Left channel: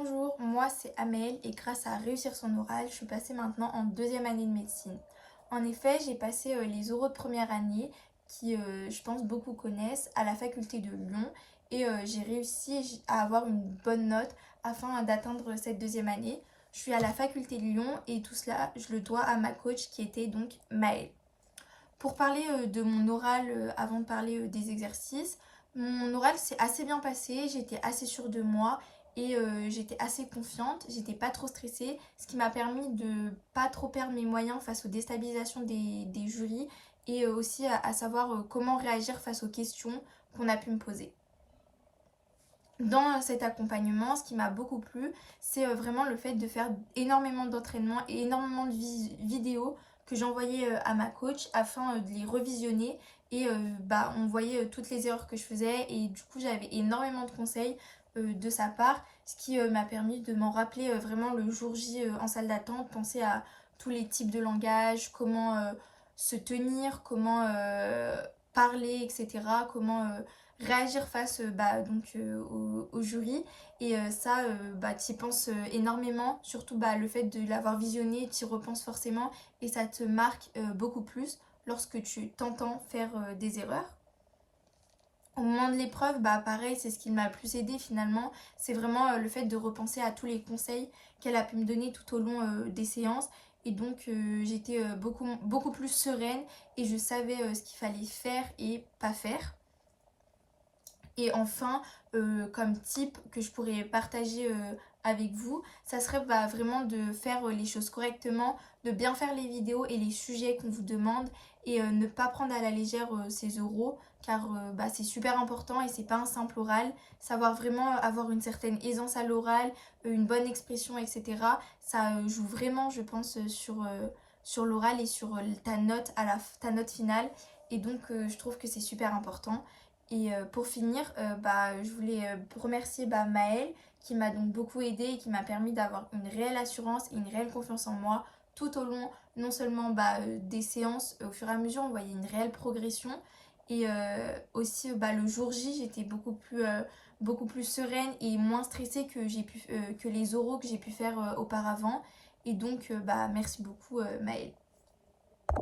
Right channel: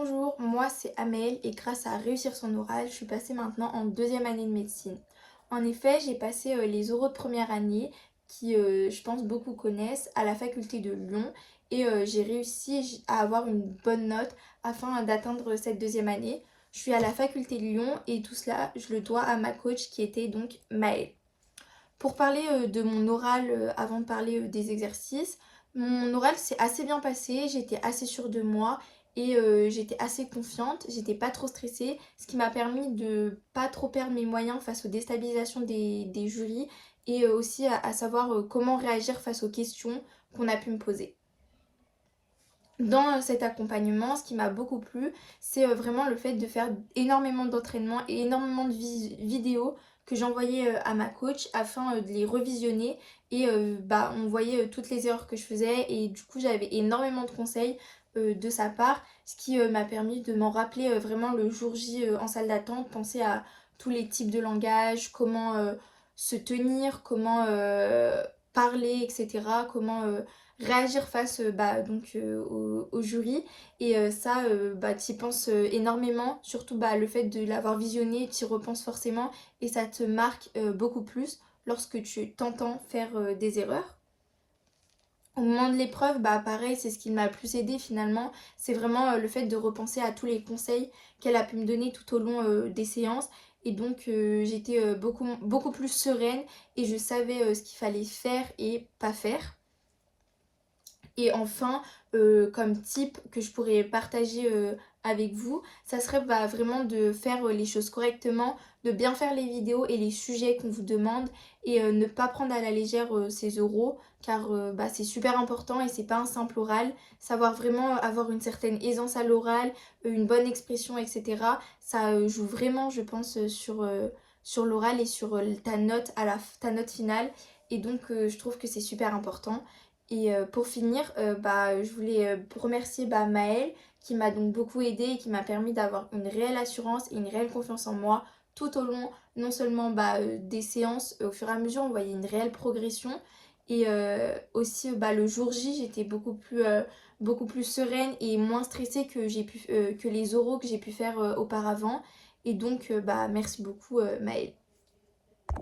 Bonjour, moi c'est Amel et grâce à réussir son oral, je suis passée maintenant en deuxième année de médecine. En effet, j'ai passé les oraux de première année qui, je pense, beaucoup connaissent à la faculté de Lyon et j'ai réussi à avoir une bonne note afin d'atteindre cette deuxième année. Je suis à la faculté de Lyon et tout cela, je le dois à ma coach qui était donc Maëlle. Pour parler de mon oral, avant de parler des exercices, mon oral s'est assez bien passé, j'étais assez sûre de moi et j'étais assez confiante, j'étais pas trop stressée, ce qui m'a permis de pas trop perdre mes moyens face aux déstabilisations des jurys et aussi à savoir comment réagir face aux questions qu'on a pu me poser. Dans cet accompagnement, ce qui m'a beaucoup plu, c'est vraiment le fait de faire énormément d'entraînement et énormément de vidéos que j'envoyais à ma coach afin de les revisionner et on voyait toutes les erreurs que je faisais et du coup j'avais énormément de conseils de sa part, ce qui m'a permis de m'en rappeler vraiment le jour J en salle d'attente, penser à tous les types de langage, comment se tenir, comment parler, etc. Comment réagir face au jury et ça t'y penses énormément, surtout le fait de l'avoir visionné, tu y repenses forcément et ça te marque beaucoup plus lorsque tu t'entends faire des erreurs. Au moment de l'épreuve, pareil, c'est ce qui m'a le plus aidé finalement. C'est vraiment le fait de repenser à tous les conseils qu'elle a pu me donner tout au long des séances. Et donc j'étais beaucoup plus sereine et je savais ce qu'il fallait faire et pas faire. Et enfin, comme tip que je pourrais partager avec vous, ça serait vraiment de faire les choses correctement, de bien faire les vidéos et les sujets qu'on vous demande et ne pas prendre à la légère ces oraux car c'est super important et c'est pas un simple oral. Savoir vraiment avoir une certaine aisance à l'oral, une bonne expression, etc. Ça joue vraiment, je pense, sur l'oral et sur ta note ta note finale. Et donc, je trouve que c'est super important. Et pour finir, je voulais remercier Maëlle qui m'a donc beaucoup aidée et qui m'a permis d'avoir une réelle assurance et une réelle confiance en moi tout au long non seulement des séances, au fur et à mesure on voyait une réelle progression et aussi le jour J j'étais beaucoup plus sereine et moins stressée que les oraux que j'ai pu faire auparavant et donc merci beaucoup Maëlle.